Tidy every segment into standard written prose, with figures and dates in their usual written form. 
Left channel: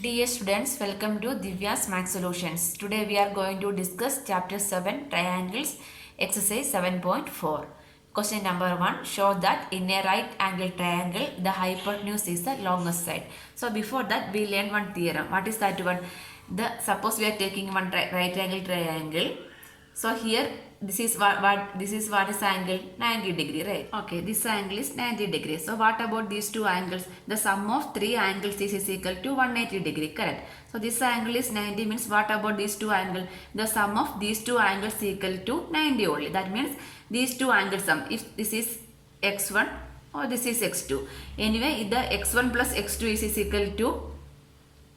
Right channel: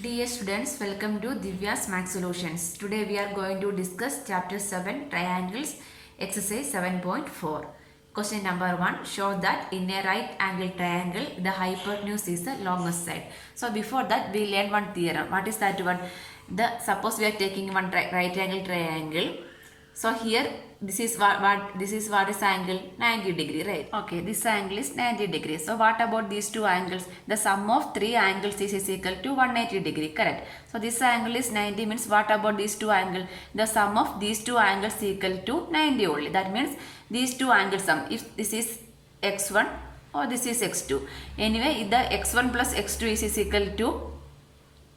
Dear students, welcome to Divya's Max Solutions. Today we are going to discuss chapter 7 Triangles exercise 7.4. Question number 1, show that in a right angle triangle the hypotenuse is the longest side. So before that we learned one theorem. What is that one? Suppose we are taking one right angle triangle. So here this is what is angle 90 degree, right? Okay, this angle is 90 degree. So what about these two angles? The sum of three angles is equal to 180 degree, correct? So this angle is 90 means what about these two angles? The sum of these two angles is equal to 90 only. That means these two angles sum, if this is x1 or this is x2. Anyway, the x1 plus x2 is equal to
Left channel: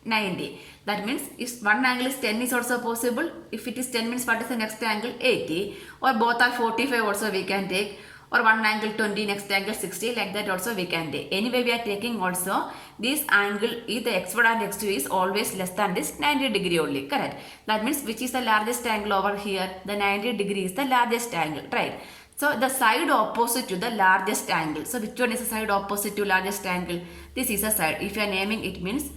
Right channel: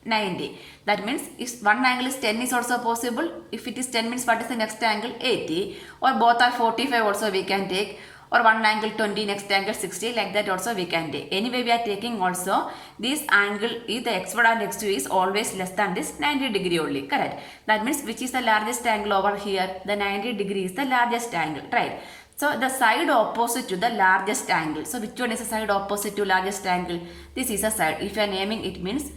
90. That means if one angle is 10 is also possible. If it is 10 means what is the next angle? 80. Or both are 45 also we can take. Or one angle 20, next angle 60, like that also we can take. Anyway, we are taking also this angle, the x1 and x2 is always less than this 90 degree only, correct? That means which is the largest angle over here? The 90 degree is the largest angle, right? So the side opposite to the largest angle. So which one is the side opposite to largest angle? This is a side. If you are naming, it means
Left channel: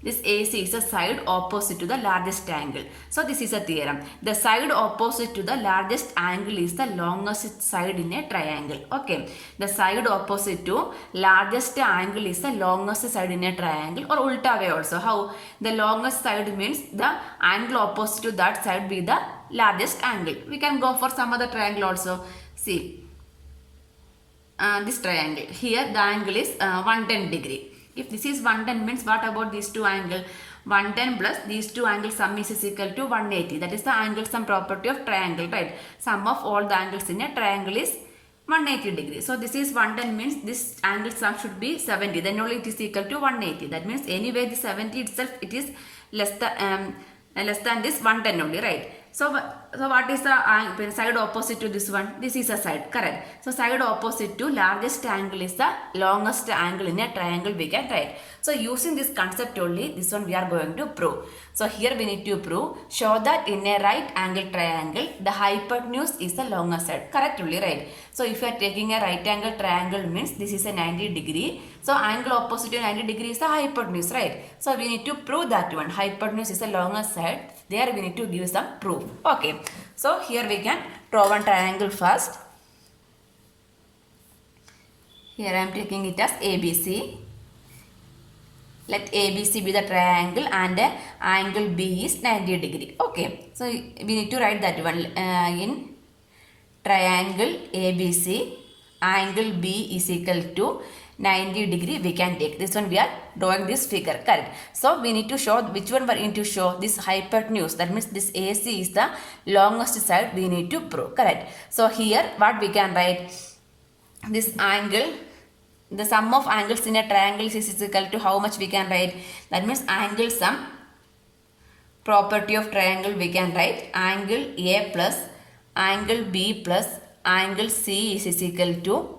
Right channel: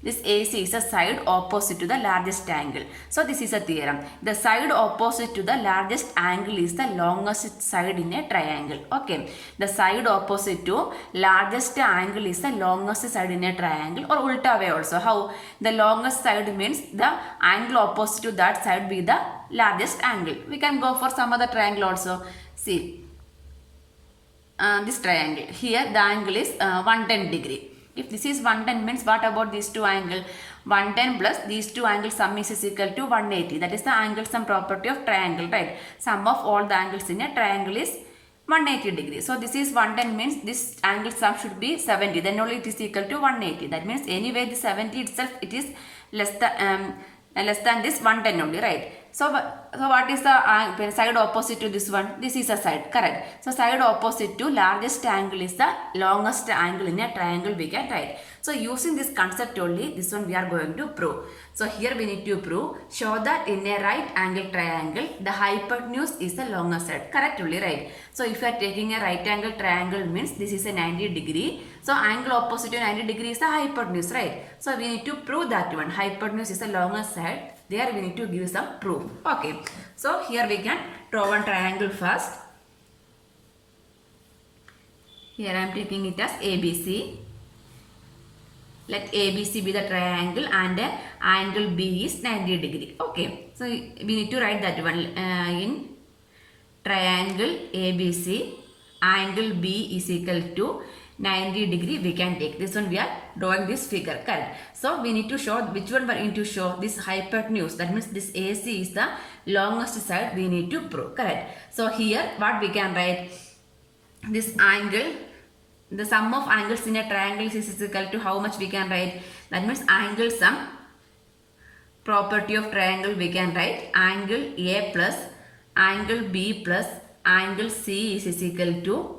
this AC is a side opposite to the largest angle. So this is a theorem. The side opposite to the largest angle is the longest side in a triangle. Okay. The side opposite to largest angle is the longest side in a triangle, or ulta way also. How? The longest side means the angle opposite to that side be the largest angle. We can go for some other triangle also. See. This triangle. Here the angle is 110 degree. If this is 110 means what about these two angles? 110 plus these two angles sum is equal to 180. That is the angle sum property of triangle, right? Sum of all the angles in a triangle is 180 degree. So this is 110 means this angle sum should be 70. Then only it is equal to 180. That means anyway the 70 itself it is less than this 110 only, right? So what is the side opposite to this one? This is a side, correct? So side opposite to largest angle is the longest angle in a triangle we can write. So using this concept only, this one we are going to prove. So here we need to prove, show that in a right angle triangle, the hypotenuse is the longest side. Correct only, right? So if you are taking a right angle triangle means this is a 90 degree. So angle opposite to 90 degree is the hypotenuse, right? So we need to prove that one. Hypotenuse is the longest side. There we need to give some proof. Okay. So here we can draw one triangle first. Here I am taking it as ABC. Let ABC be the triangle and angle B is 90 degree. Okay. So we need to write that one in triangle ABC. Angle B is equal to 90 degree we can take. This one we are drawing this figure, correct? So we need to show which one we need to show this hypotenuse. That means this AC is the longest side we need to prove, correct? So here what we can write, this angle, the sum of angles in a triangle is equal to how much we can write? That means angle sum property of triangle we can write angle A plus angle B plus angle C is equal to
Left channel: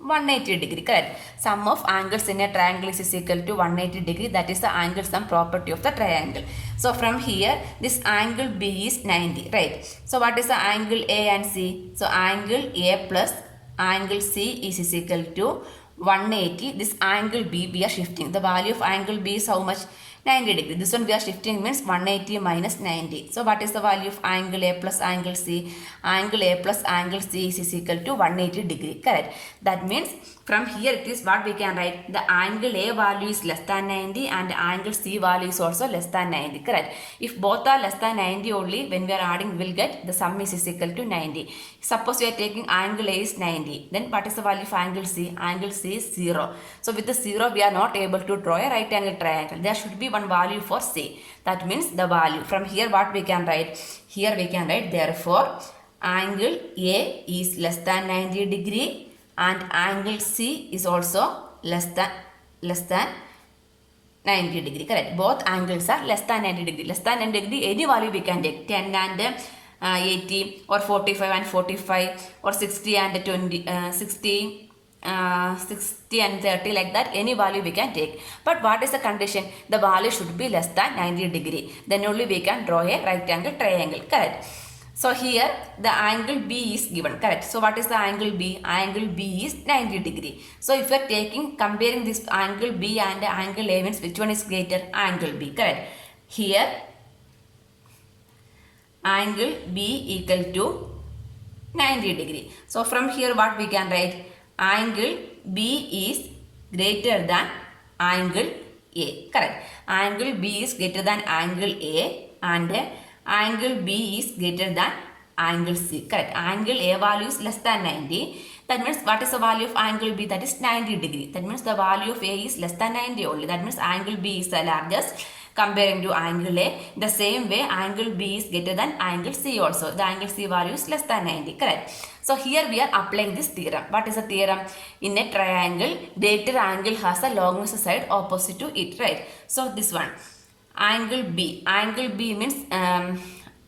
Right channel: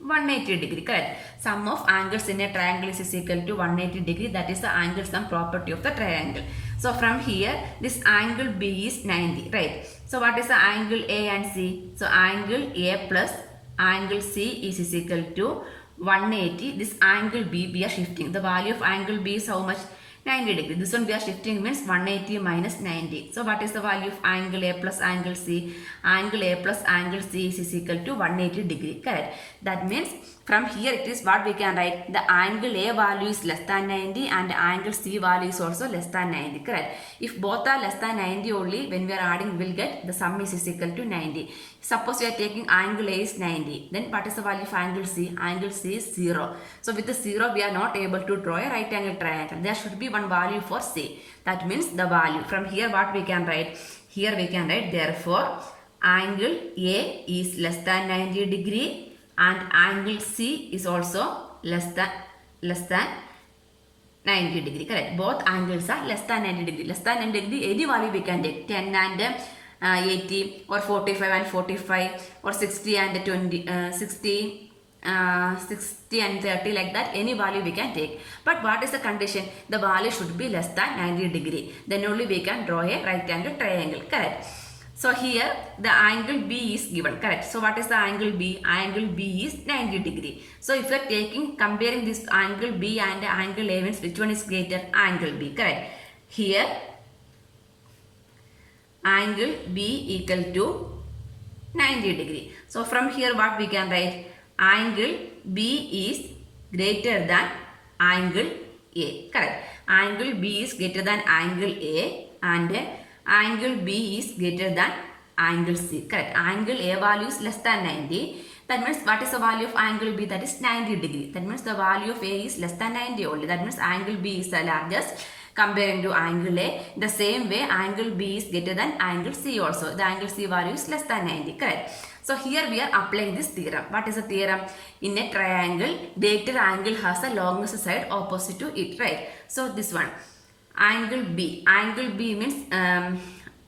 180 degree, correct? Sum of angles in a triangle is equal to 180 degree. That is the angle sum property of the triangle. So from here this angle B is 90, right? So what is the angle A and C? So angle A plus angle C is equal to 180. This angle B we are shifting. The value of angle B is how much? 90 degree. This one we are shifting means 180 minus 90. So what is the value of angle A plus angle C? Angle A plus angle C is equal to 180 degree, correct? That means from here it is what we can write, the angle A value is less than 90 and angle C value is also less than 90, correct? If both are less than 90 only, when we are adding we will get the sum is equal to 90. Suppose we are taking angle A is 90, then what is the value of angle C? Angle C is 0. So with the 0 we are not able to draw a right angle triangle. There should be one value for C. That means the value. From here what we can write? Here we can write therefore angle A is less than 90 degree and angle C is also less than 90 degree, correct? Both angles are less than 90 degree. Less than 90 degree, any value we can take. 10 and 80 or 45 and 45 or 60 and 20, 60 and 30, like that any value we can take. But what is the condition? The value should be less than 90 degree. Then only we can draw a right angle triangle, correct? So here the angle B is given, correct? So what is the angle B? Angle B is 90 degree. So if you are comparing this angle B and angle A, means which one is greater? Angle B, correct? Here angle B equal to 90 degree. So from here what we can write? Angle B is greater than angle A, correct? Angle B is greater than angle A and angle B is greater than angle C, correct? Angle A value is less than 90. That means what is the value of angle B? That is 90 degree. That means the value of A is less than 90 only. That means angle B is the largest comparing to angle A. The same way angle B is greater than angle C also. The angle C value is less than 90, correct? So here we are applying this theorem. What is the theorem? In a triangle, greater angle has a longest side opposite to it, right? So this one, angle B. Angle B means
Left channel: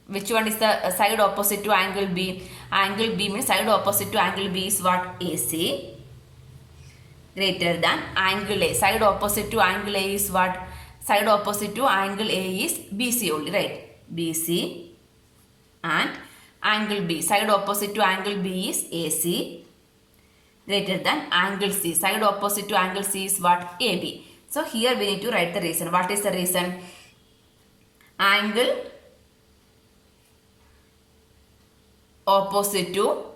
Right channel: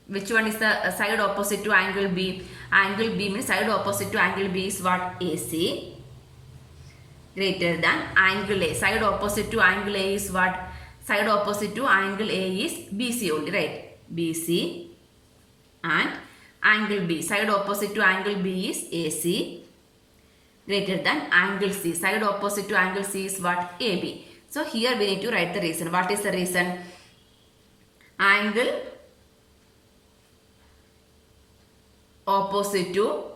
which one is the side opposite to angle B? Angle B means side opposite to angle B is what? AC, greater than angle A. Side opposite to angle A is what? Side opposite to angle A is BC only, right? BC and angle B. Side opposite to angle B is AC, greater than angle C. Side opposite to angle C is what? AB. So here we need to write the reason. What is the reason? Angle opposite to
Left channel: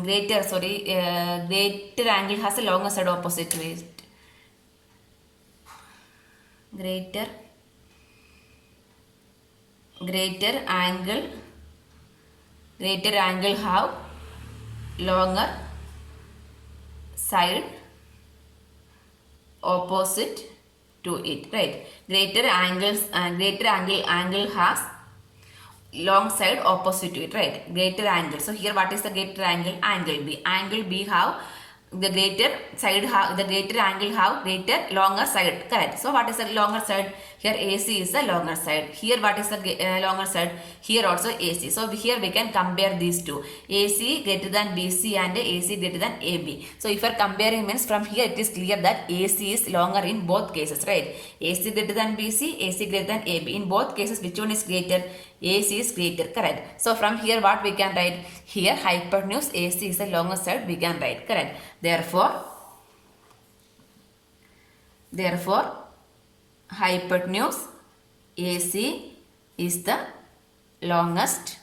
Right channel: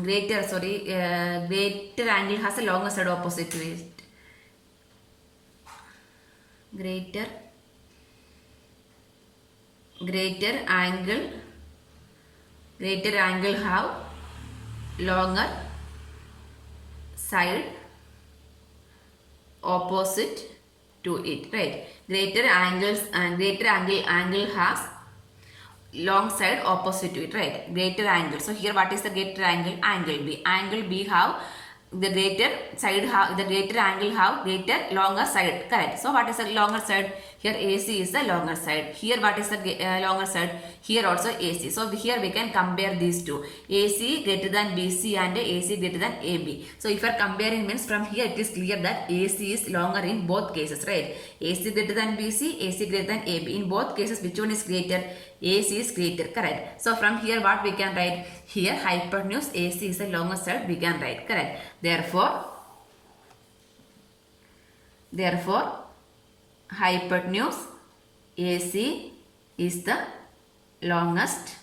greater angle has a longer side opposite to it. Greater angle have longer side opposite to it, right? Greater angle has long side opposite to it, right? Greater angle. So here what is the greater angle? Angle B. Angle B have the greater angle have greater longer side, correct? So what is the longer side? Here AC is the longer side. Here what is the longer side? Here also AC. So here we can compare these two. AC greater than BC and AC greater than AB. So if you are comparing, means from here it is clear that AC is longer in both cases, right? AC greater than BC, AC greater than AB. In both cases, which one is greater? AC is greater, correct? So from here what we can write? Here hypotenuse AC is the longer side we can write, correct? Therefore hypotenuse AC is the longest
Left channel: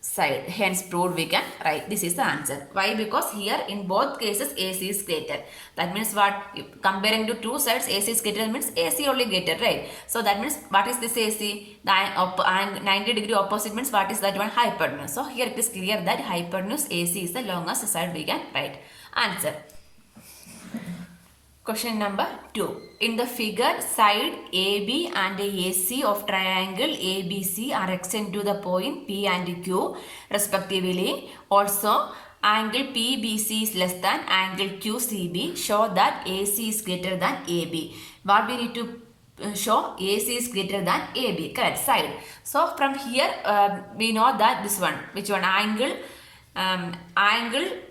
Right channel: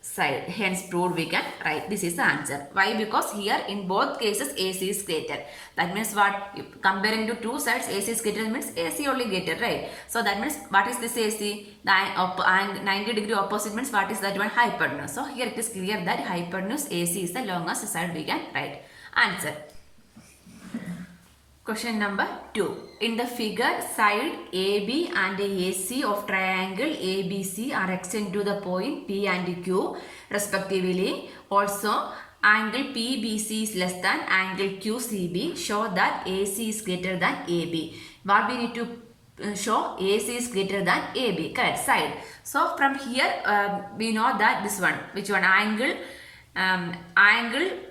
side. Hence proved we can write. This is the answer. Why? Because here in both cases AC is greater. That means what? Comparing to two sides, AC is greater means AC only greater, right? So that means what is this AC? The 90 degree opposite means what is that one? Hypotenuse. So here it is clear that hypotenuse AC is the longest side we can write. Answer. Question number 2. In the figure, side AB and AC of triangle ABC are extended to the point P and Q respectively. Also, angle PBC is less than angle QCB. Show that AC is greater than AB. What we need to show? AC is greater than AB, correct? Side. So from here we know that this one, which one? Angle,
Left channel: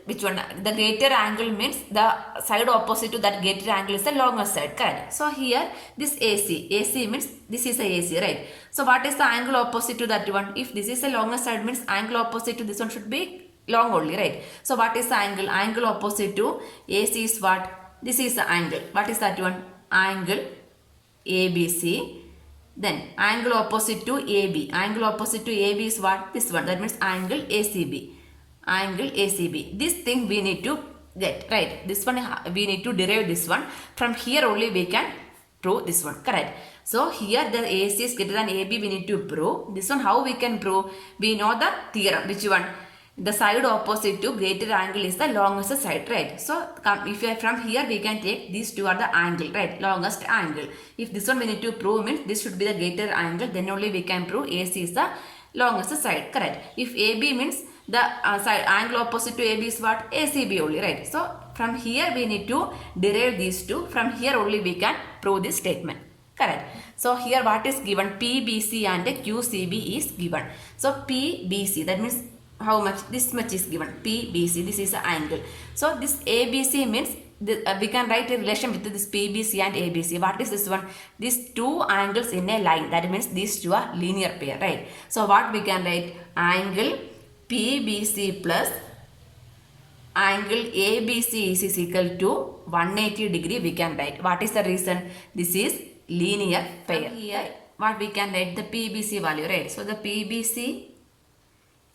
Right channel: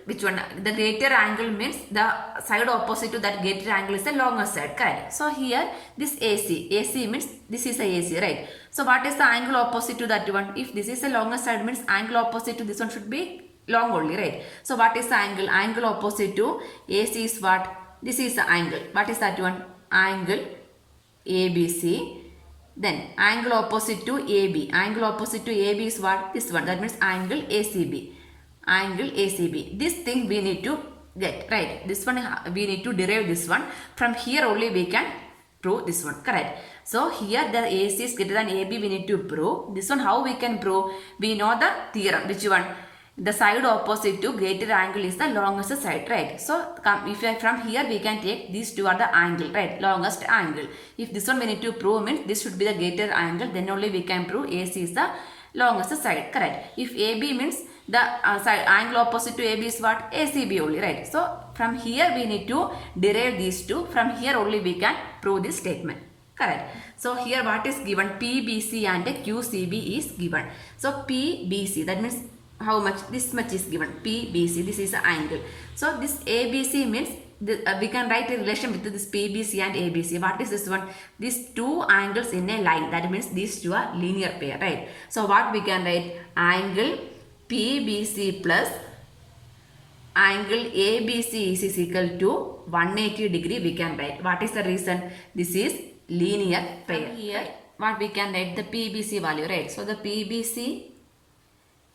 which one? The greater angle means the side opposite to that greater angle is the longer side, correct? So here this AC means this is a AC, right? So what is the angle opposite to that one? If this is a longer side means angle opposite to this one should be long only, right? So what is the angle? Angle opposite to AC is what? This is the angle. What is that one? Angle ABC. Then angle opposite to AB. Angle opposite to AB is what? This one. That means angle ACB. Angle ACB. This thing we need to get, right? This one we need to derive this one. From here only we can prove this one, correct? So here the AC is greater than AB we need to prove. This one how we can prove? We know the theorem. Which one? The side opposite to greater angle is the longest side, right? So if from here we can take these two are the angle, right? Longest angle. If this one we need to prove means this should be the greater angle, then only we can prove AC is the longest side, correct? If AB means the side angle opposite to AB is what? ACB only, right? So from here we need to derive these two. From here only we can prove this statement, correct? So here what is given? PBC and QCB is given. So PBC, that means how much? This much is given. PBC, this is the angle. So this ABC means we can write a relation with this PBC and ABC. What is this one? These two angles in a line. That means these two are linear pair, right? So what we can write? Angle PBC plus angle ABC is equal to 180 degree we can write. What is the reason? This is linear pair. Here what we can write? The PBC value, right? So the PBC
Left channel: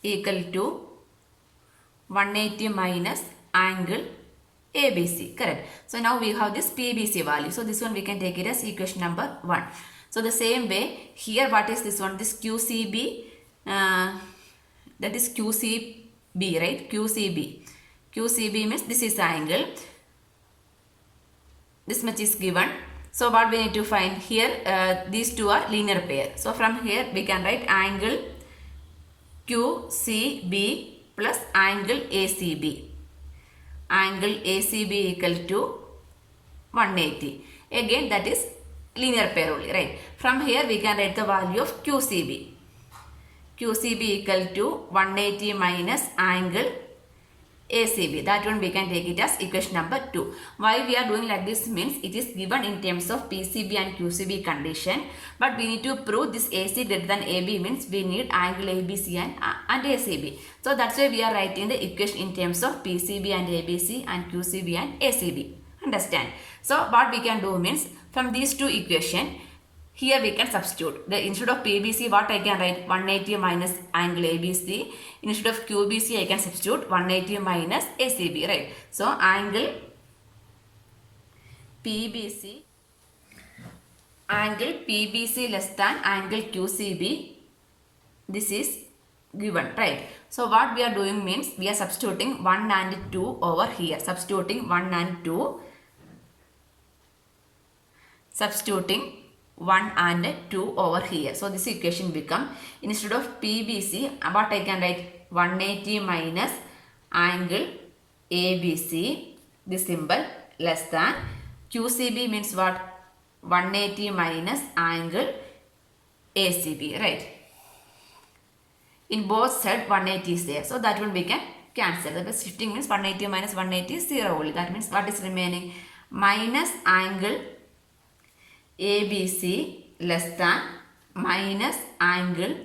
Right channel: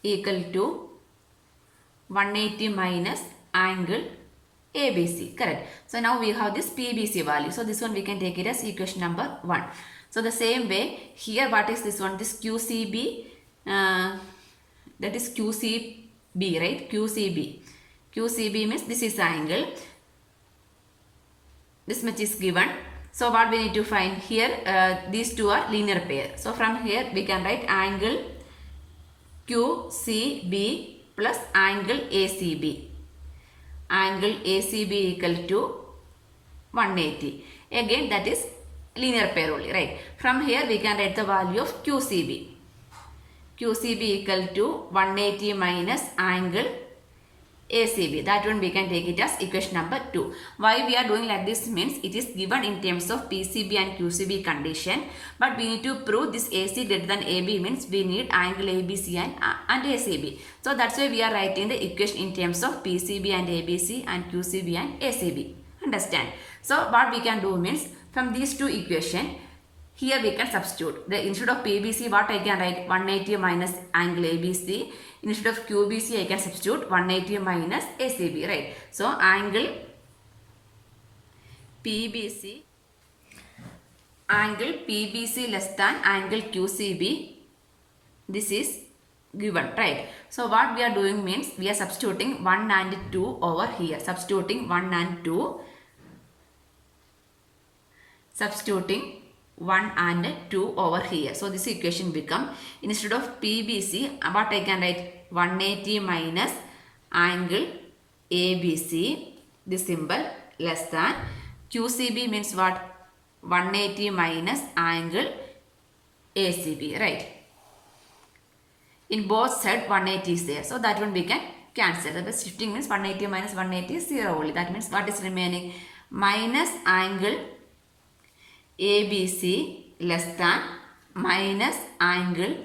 equal to 180 minus angle ABC, correct. So now we have this PBC value. So this one we can take it as equation number 1. So the same way here, what is this one? This QCB, that is QCB, right? QCB. QCB means this is the angle. This much is given. So what we need to find here? These two are linear pair. So from here we can write angle QCB plus angle ACB. Angle ACB equal to 180. Again that is linear pair only, right? From here we can write the value of QCB. QCB equal to 180 minus angle ACB. That one we can take it as equation number 2. Why we are doing like this means it is given in terms of PCB and QCB condition, but we need to prove this AC greater than AB means we need angle ABC and ACB. So that's why we are writing the equation in terms of PCB and ABC and QCB and ACB. Understand? So what we can do means from these two equations, here we can substitute. Instead of PBC, what I can write? 180 minus angle ABC. Instead of QBC, I can substitute 180 minus ACB, right? So angle PBC less than angle QCB. This is given, right? So what we are doing means we are substituting 1 and 2 over here. Substituting 1 and 2. Substituting 1 and 2 over here. So this equation become, instead of PBC, what I can write? 180 minus angle ABC, this symbol, less than QCB means what? 180 minus angle ACB, right? In both sides 180 is there. So that one we can cancel. The shifting means 180 minus 180 is 0 only. That means what is remaining? Minus angle ABC less than minus angle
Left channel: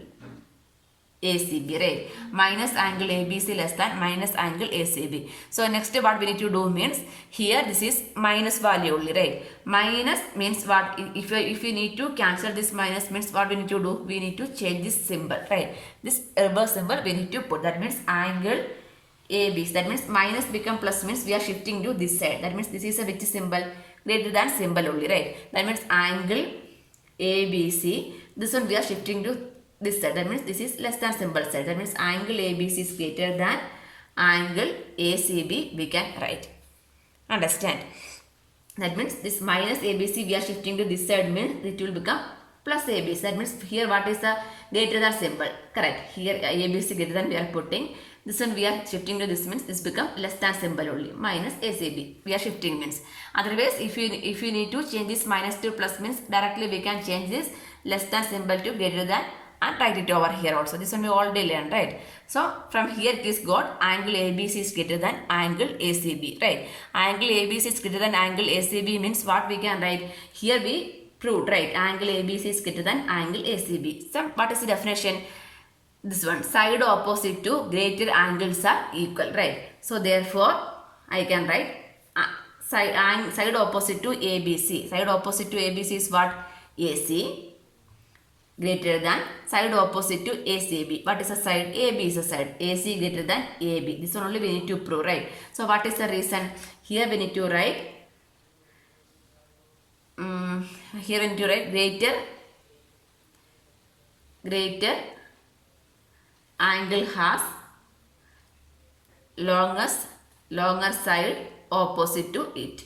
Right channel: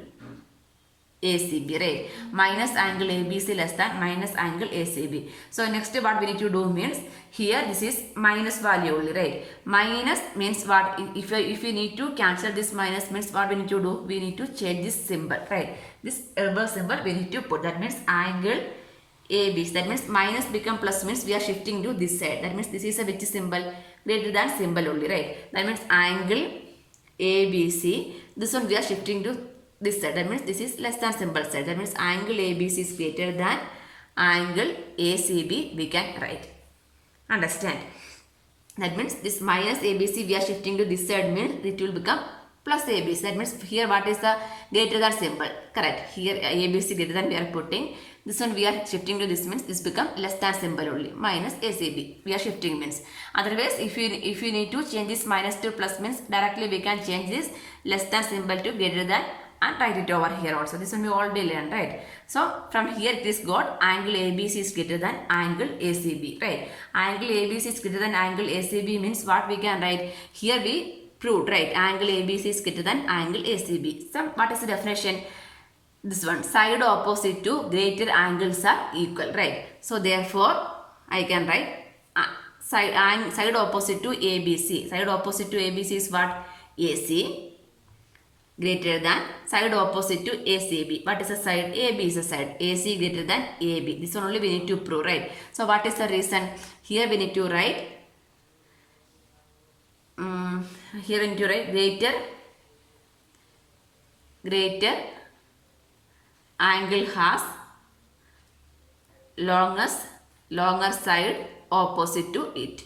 ACB, right? Minus angle ABC less than minus angle ACB. So next what we need to do means here this is minus value only, right? Minus means what? If we need to cancel this minus means what we need to do? We need to change this symbol, right? This reverse symbol we need to put. That means angle ABC. That means minus become plus means we are shifting to this side. That means this is a which symbol? Greater than symbol only, right? That means angle ABC. This one we are shifting to this side. That means this is less than symbol side. That means angle ABC is greater than angle ACB we can write. Understand? That means this minus ABC we are shifting to this side means it will become plus ABC. That means here what is the greater than symbol? Correct. Here ABC greater than we are putting. This one we are shifting to this means this become less than symbol only. Minus ACB. We are shifting means. Otherwise if you need to change this minus to plus means directly we can change this less than symbol to greater than and write it over here also. This one we already learned, right? So from here it is got angle ABC is greater than angle ACB, right? Angle ABC is greater than angle ACB means what we can write? Here we proved, right? Angle ABC is greater than angle ACB. So what is the definition? This one, side opposite to greater angles are equal, right? So therefore I can write side opposite to ABC. Side opposite to ABC is what? AC. Greater than side opposite to ACB. What is the side? AB is a side. AC greater than AB. This one only we need to prove, right? So what is the reason? Here we need to write greater angle has longer side opposite to it.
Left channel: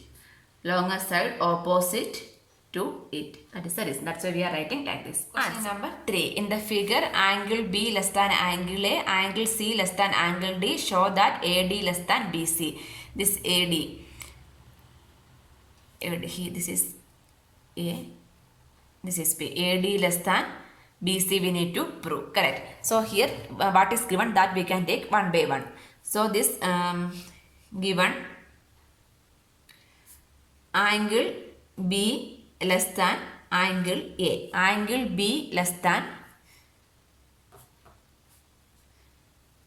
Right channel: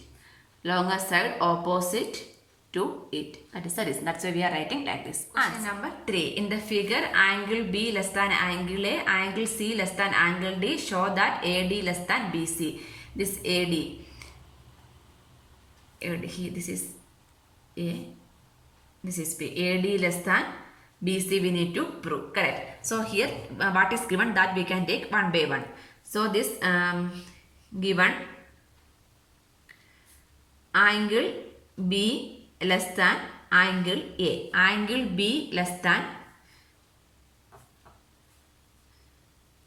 Longer side opposite to it. That is the reason. That's why we are writing like this. Question number 3. In the figure, angle B less than angle A, angle C less than angle D. Show that AD less than BC. This AD. Here, this is A. This is B. AD less than BC we need to prove. Correct. So here what is given that we can take one by one. So this given angle B less than angle A. Angle B less than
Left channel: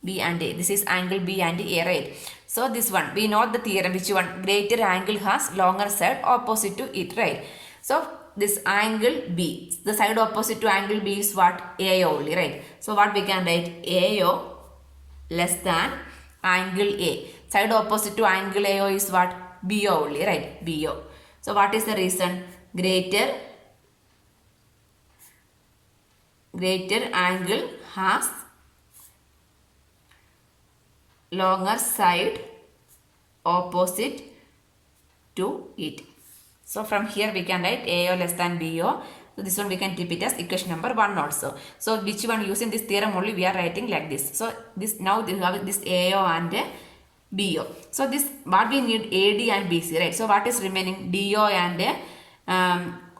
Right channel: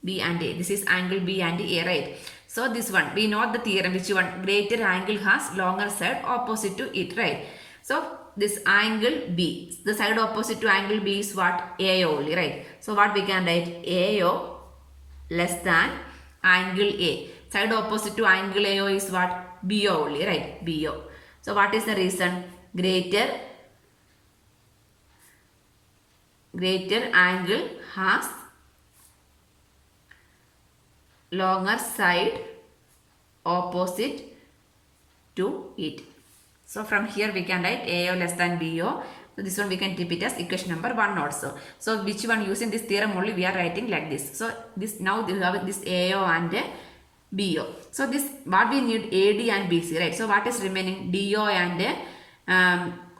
B and A. This is angle B and A, right? So this one, we know the theorem, which one? Greater angle has longer side opposite to it, right? So this angle B, the side opposite to angle B is what? AO only, right? So what we can write? AO less than angle A. Side opposite to angle AO is what? BO only, right? BO. So what is the reason? Greater angle has longer side opposite to it. So from here we can write AO less than BO. So this one we can keep it as equation number 1 also. So which one, using this theorem only we are writing like this. So this, now we have this AO and BO. So this, what we need, AD and BC, right? So what is remaining? DO and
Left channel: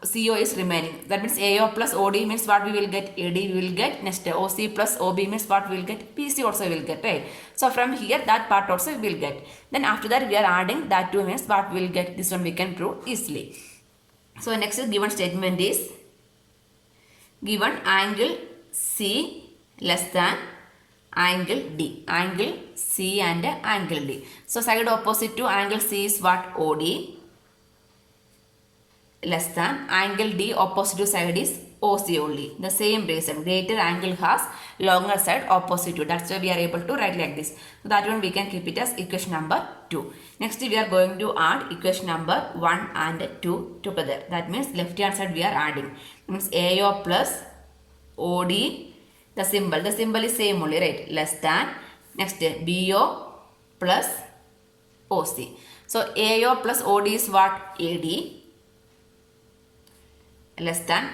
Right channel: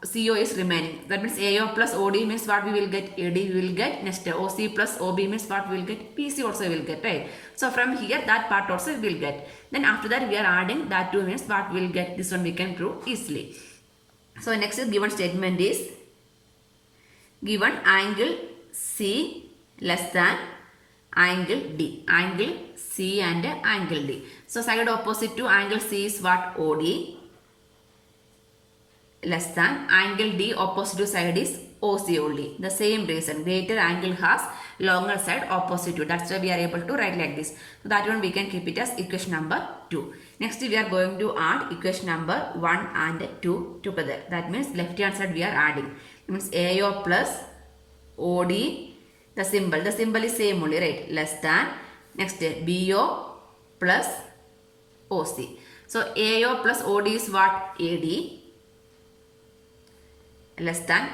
CO is remaining. That means AO plus OD means what we will get? AD we will get. Next OC plus OB means what we will get? PC also will get, right? So from here that part also we will get. Then after that we are adding that 2 means what we will get? This one we can prove easily. So next given statement is, given angle C less than angle D. Angle C and angle D. So side opposite to angle C is what? OD less than angle D opposite to side is OC only. The same reason, greater angle has longer side opposite to. That's why we are able to write like this. So that one we can keep it as equation number 2. Next we are going to add equation number 1 and 2 together. That means left hand side we are adding. That means AO plus OD, the symbol is same only, right? Less than. Next BO plus OC. So AO plus OD is what? AD less than.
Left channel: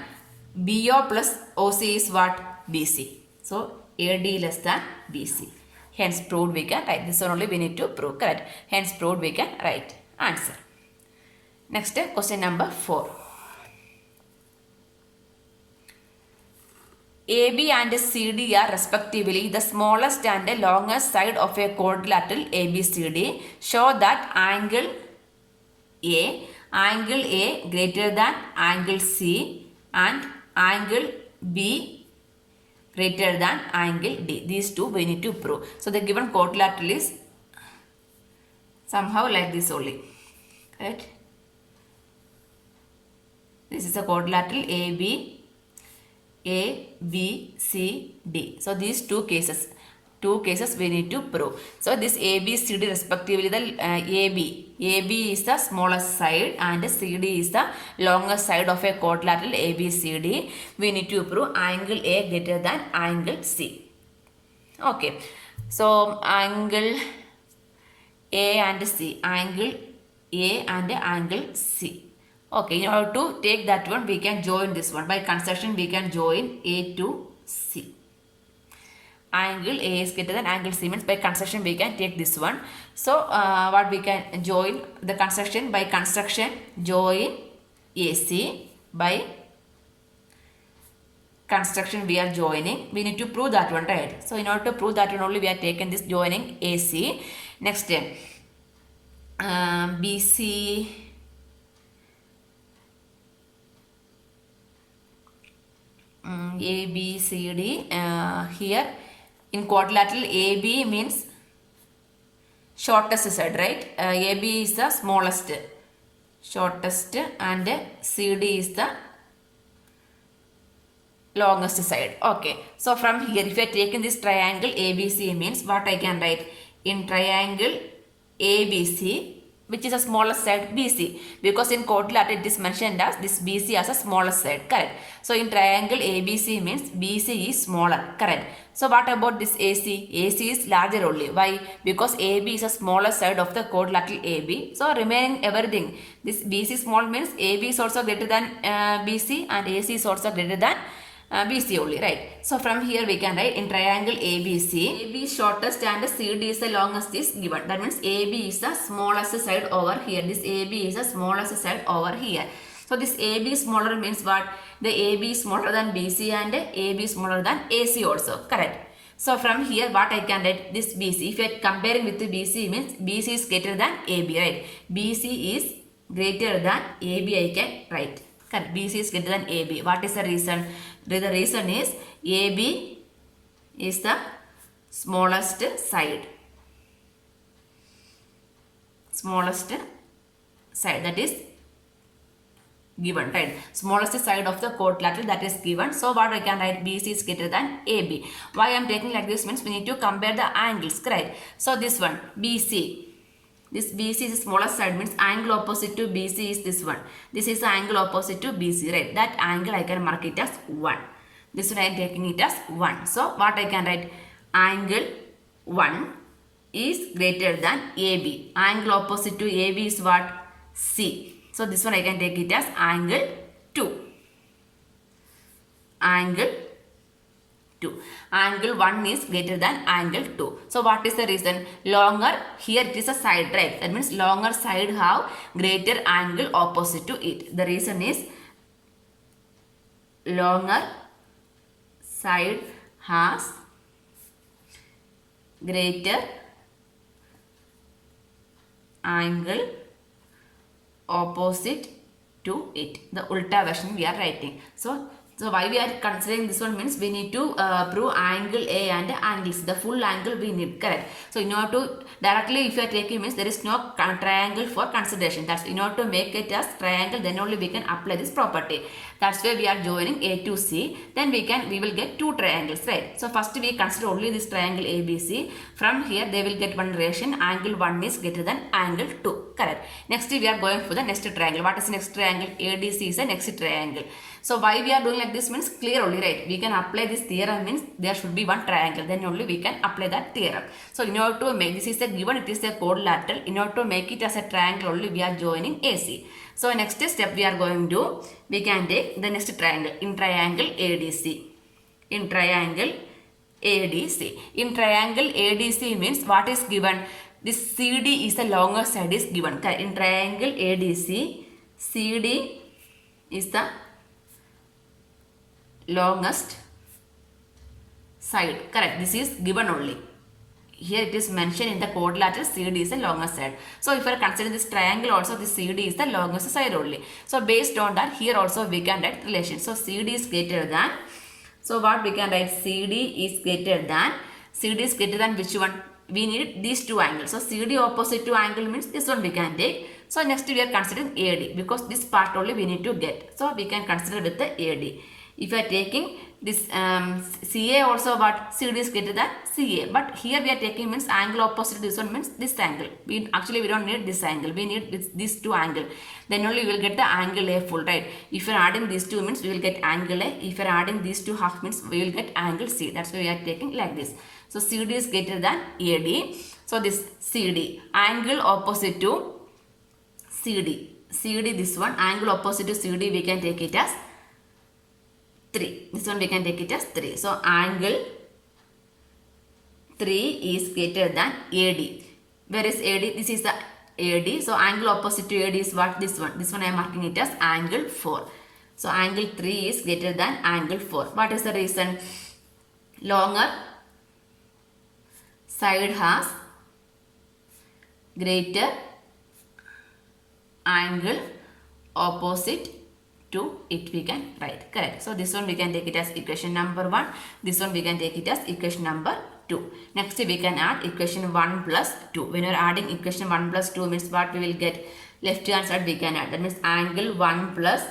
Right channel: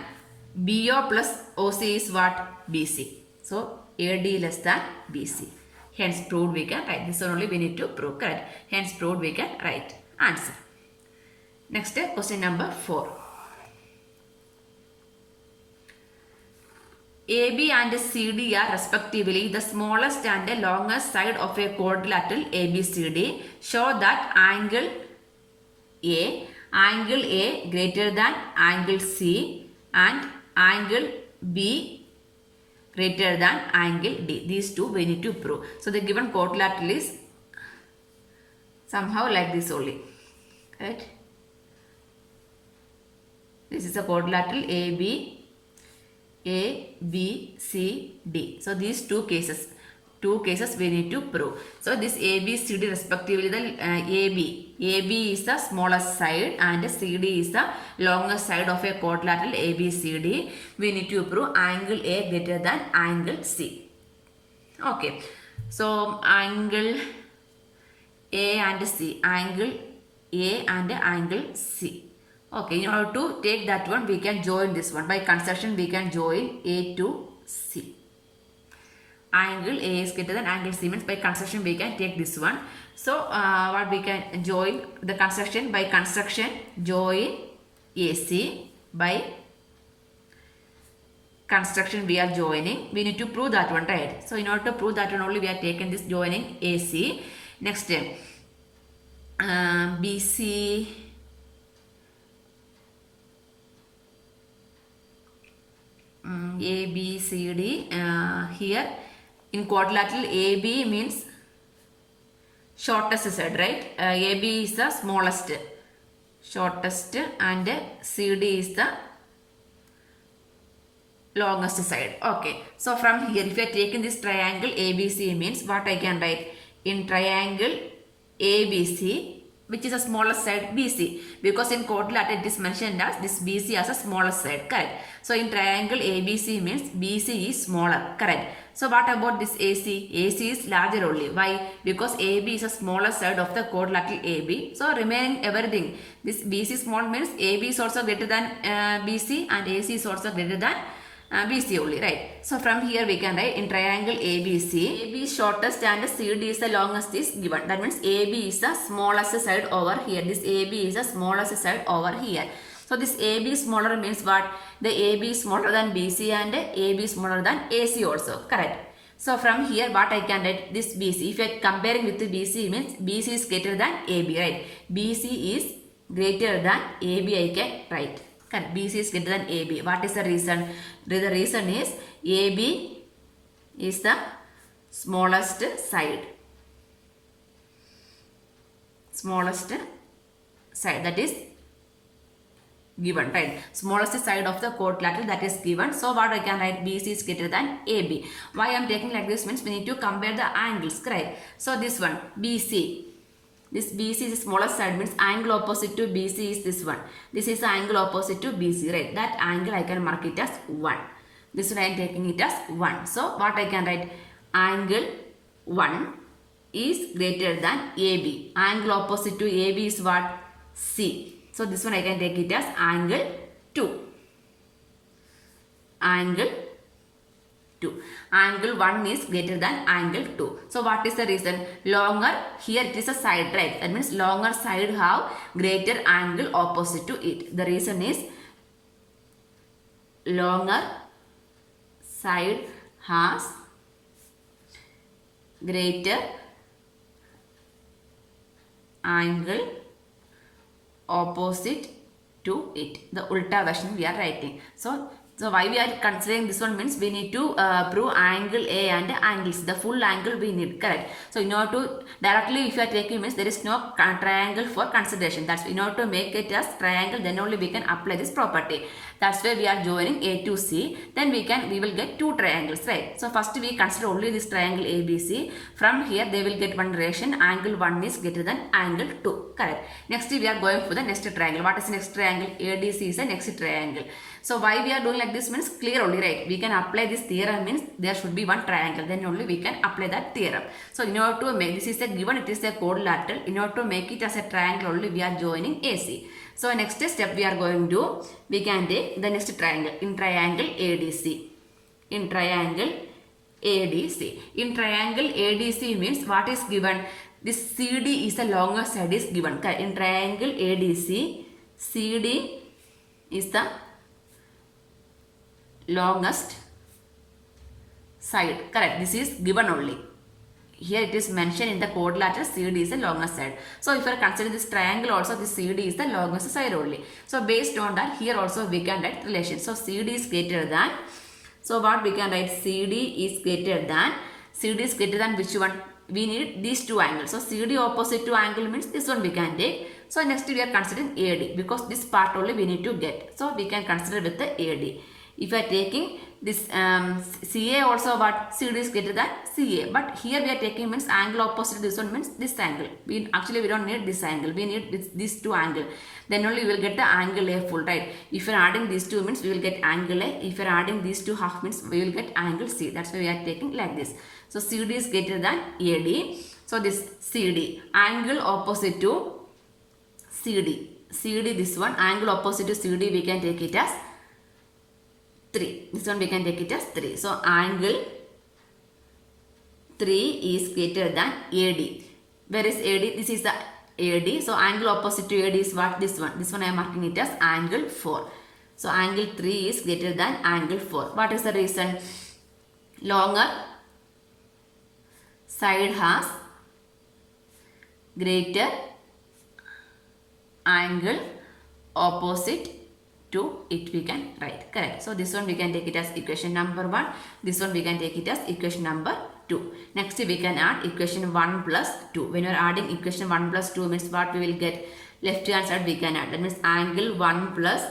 BO plus OC is what? BC. So AD less than BC. Hence proved we can write. This one only we need to prove, correct? Hence proved we can write. Answer. Next question number 4. AB and CD are respectively the smallest and the longest side of a quadrilateral ABCD. Show that angle A greater than angle C and angle B greater than angle D. These two we need to prove. So the given quadrilateral is somehow like this only, right? This is a quadrilateral A, B, C, D. So these two cases we need to prove. So this A, B, C, D respectively, the AB is the smallest side and CD is the longest side of a quadrilateral ABCD. We need to prove angle A greater than angle C. Okay. So angle A and C, angle A and angle C. Okay, in order to take that one, we can join this one. By construction, we can join A to C. Angle A is greater than angle C means by construction we can take this one. So what we can join the construction, by construction join AC, by construction we are joining. We need to prove that one, right? So in order to prove that one only we are taking this joining AC. Next BC. A, B, C, D. Here in quadrilateral AB means shortest side, right? AB is the shortest and CD is the longest side. Okay. So from here, if you are taking this triangle ABC means what I can write? In triangle ABC, which is the smallest side? BC. Because in quadrilateral it is mentioned as this BC as a smallest side, correct? So in triangle ABC means BC is smaller, correct? So what about this AC? AC is larger only. Why? Because AB is the smallest side of the quadrilateral AB. So remaining everything, this BC small means AB is also greater than BC and AC is also greater than BC only, right? So from here we can write in triangle ABC, AB is shortest and CD is the longest is given. That means AB is the smallest side over here. This AB is the smallest side over here. So this AB smaller means what? The AB is smaller than BC and AB is smaller than AC also, correct? So from here what I can write? This BC, if you are comparing with the BC means BC is greater than AB, right? BC is greater than AB I can write. Correct. BC is greater than AB. What is the reason? The reason is AB is the smallest side. Smallest side, that is given, right? Smallest side of the quadrilateral, that is given. So what I can write, BC is greater than AB. Why I am taking like this means we need to compare the angles, correct? So this one BC, this BC is the smallest side, means angle opposite to BC is this one. This is the angle opposite to BC, right? That angle I can mark it as 1. This one I am taking it as 1. So what I can write, angle 1 is greater than AB. Angle opposite to AB is what? C. So this one I can take it as angle 2. Angle 2. Angle 1 is greater than angle 2. So what is the reason? Longer, here it is a side, right? That means longer side have greater angle opposite to it. The reason is longer side has greater angle opposite to it. The ulta version we are writing. So why we are considering this one means we need to prove angle A and angles. The full angle we need, correct? So in order to directly if you are taking means there is no triangle for consideration. That's in order to make it as triangle, then only we can apply this property. That's why we are joining A to C. Then we will get two triangles, right? So first we consider only this triangle ABC. From here they will get one relation. Angle 1 is greater than angle 2, correct? Next we are going for the next triangle. What is the next triangle? ADC is the next triangle. So why we are doing like this means clear only, right? We can apply this theorem means there should be one triangle, then only we can apply that theorem. So in order to make, this is a given, it is a quadrilateral. In order to make it as a triangle only we are joining AC. So next step we are going to, we can take the next triangle, in triangle ADC. In triangle ADC. In triangle ADC means what is given? This CD is the longer side is given. In triangle ADC, CD is the longest side, correct? This is given only. Here it is mentioned in the quadrilateral, CD is the longest side. So if I consider this triangle also, this CD is the longest side only. So based on that, here also we can write relation. So CD is greater than, so what we can write, CD is greater than which one? We need these two angles. So CD opposite to angle means this one we can take. So next we are considering AD because this part only we need to get. So we can consider with the AD. If you are taking this CA also, what? CD is greater than CA. But here we are taking means angle opposite to this one means this angle. Actually we don't need this angle. We need these two angle. Then only we will get the angle A full, right? If you are adding these two means we will get angle A. If you are adding these two half means we will get angle C. That's why we are taking like this. So CD is greater than AD. So this CD, angle opposite to CD. CD this one, angle opposite to CD we can take it as 3. This one we can take it as 3. So angle 3 is greater than AD. Where is AD? This is the AD. So angle opposite to AD is what? This one. This one I am marking it as angle 4. So angle 3 is greater than angle 4. What is the reason? Longer side has greater angle opposite to it, we can write, correct? So this one we can take it as equation number 1. This one we can take it as equation number 2. Next we can add equation 1 plus 2. When you are adding equation 1 plus 2 means what we will get? Left hand side we can add. That means angle 1 plus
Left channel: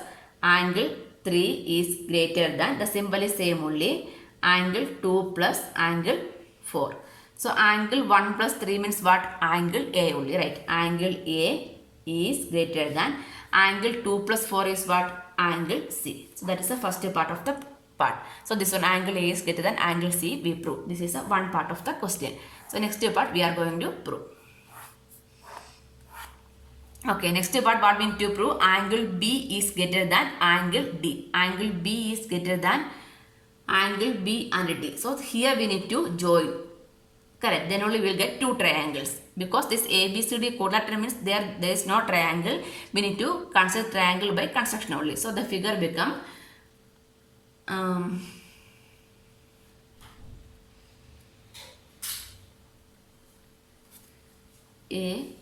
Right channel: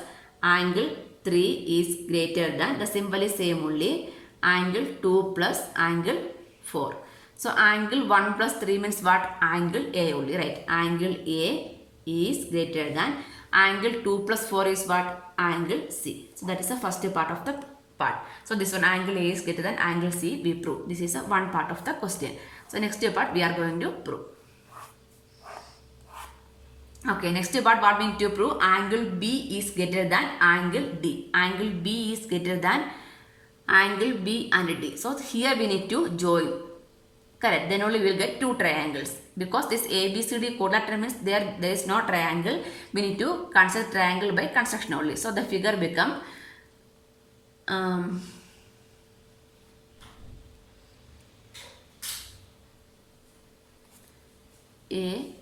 angle 3 is greater than, the symbol is same only, angle 2 plus angle 4. So angle 1 plus 3 means what? Angle A only, right? Angle A is greater than, angle 2 plus 4 is what? Angle C. So that is the first part of the part. So this one, angle A is greater than angle C, we prove. This is one part of the question. So next part we are going to prove. Okay, next part what we need to prove? Angle B is greater than angle D. Angle B is greater than angle B and D. So here we need to join. Correct. Then only we will get two triangles. Because this ABCD quadrilateral means there is no triangle. We need to consider triangle by construction only. So the figure become A,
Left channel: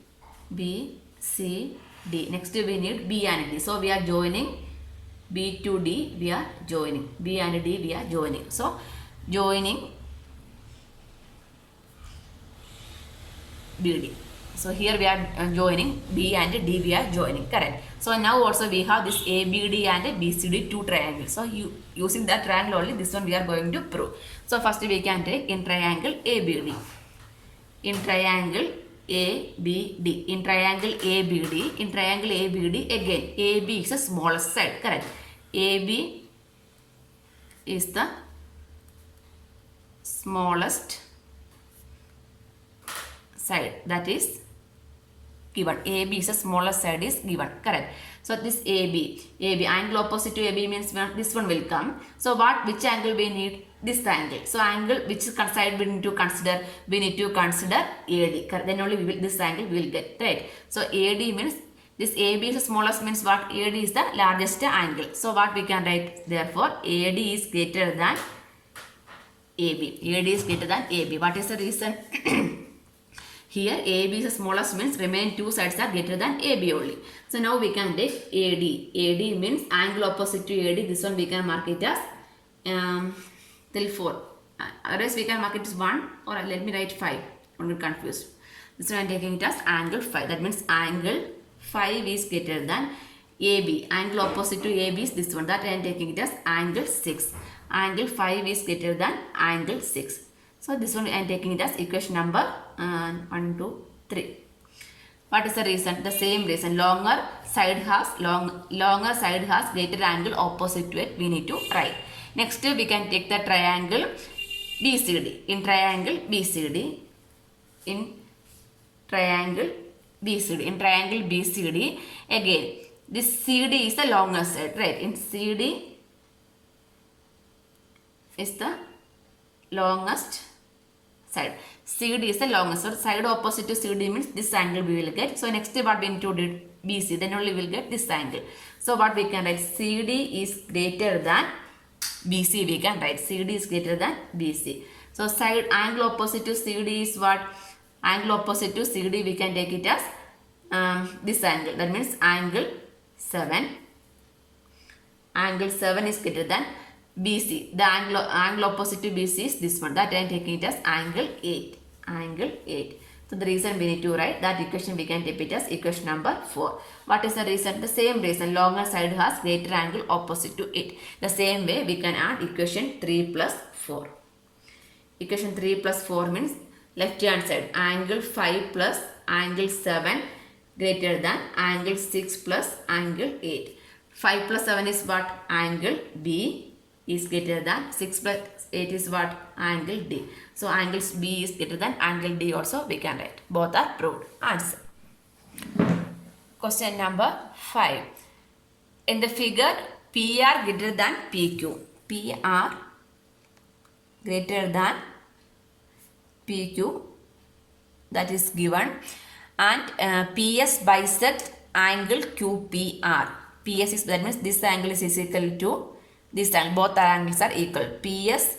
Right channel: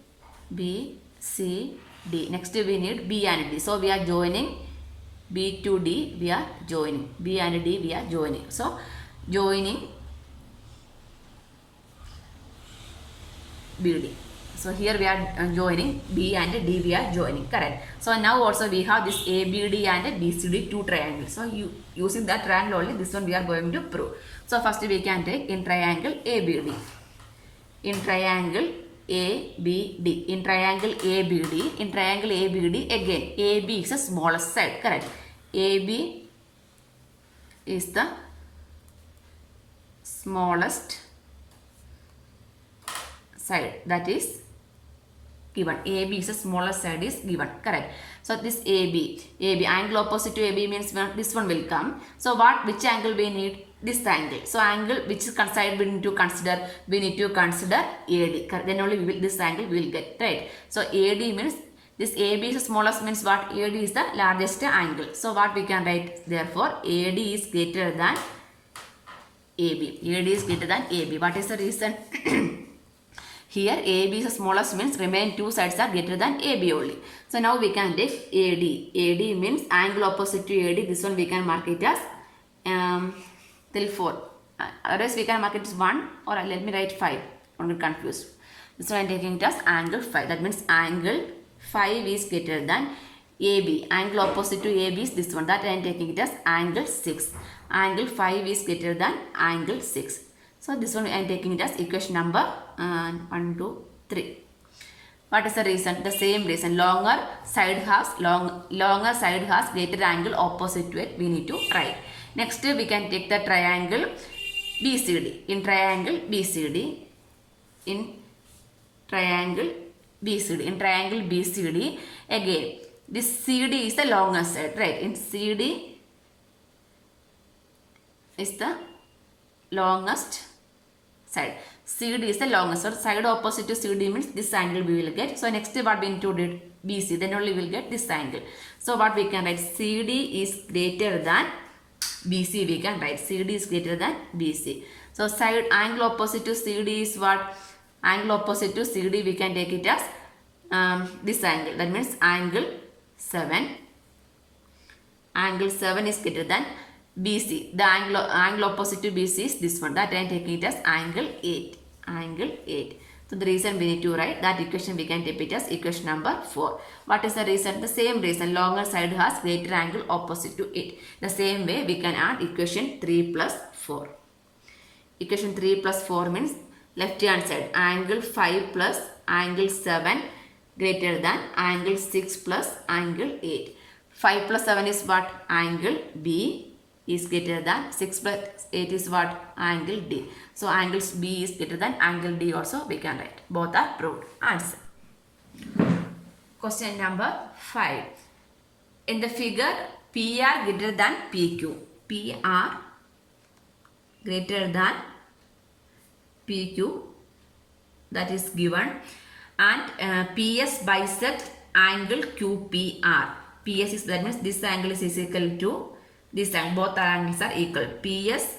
B, C, D. Next we need B and D. So we are joining B to D. We are joining B and D. We are joining. So joining BD. So here we are joining B and D. We are joining. Correct. So now also we have this ABD and BCD two triangles. So using that triangle only, this one we are going to prove. So first we can take in triangle ABD. In triangle ABD. In triangle ABD. In triangle ABD again. AB is the smallest side. Correct. AB is the smallest side, that is given. AB is the smallest side is given. Correct. So this AB angle opposite to AB means this one will come. So which angle we need? This angle. So angle which side we need to consider? We need to consider AD. Correct. Then only this angle we will get. Right. So AD means this AB is the smallest, means what? AD is the largest angle. So what we can write? Therefore AD is greater than AB. AD is greater than AB. What is the reason? Here AB is the smallest, means remaining two sides are greater than AB only. So now we can take AD. AD means angle opposite to AD. This one we can mark it as till 4. Otherwise we can mark it as 1, or let me write 5. Don't get confused. This one I am taking it as angle 5. That means angle 5 is greater than AB. Angle opposite to AB is this one. That I am taking it as angle 6. Angle 5 is greater than angle 6. So this one I am taking it as equation number 1, 2, 3. What is the reason? The same reason. Longer side has greater angle opposite to it. We need to write. Next we can take the triangle BCD. In triangle BCD. In triangle BCD. In triangle BCD again. This CD is the longer side, right? In CD is the longest side. CD is the longest. So side opposite to CD means this angle we will get. So next what we need to do? BC. Then only we will get this angle. So what we can write? CD is greater than BC. We can write CD is greater than BC. So side angle opposite to CD is what? Angle opposite to CD we can take it as this angle. That means angle 7. Angle 7 is greater than BC. The angle opposite to BC is this one. That I am taking it as angle 8. Angle 8. So the reason we need to write that equation, we can take it as equation number 4. What is the reason? The same reason. Longer side has greater angle opposite to it. The same way we can add equation 3 plus 4. Equation 3 plus 4 means left hand side. Angle 5 plus angle 7 greater than angle 6 plus angle 8. 5 plus 7 is what? Angle B is greater than 6 plus 8 is what? Angle D. So angles B is greater than angle D also we can write. Both are proved. Answer. Question number 5. In the figure, PR greater than PQ. PR greater than PQ, that is given, and PS bisect angle QPR. PS is, that means this angle is equal to this angle. Both angles are equal. PS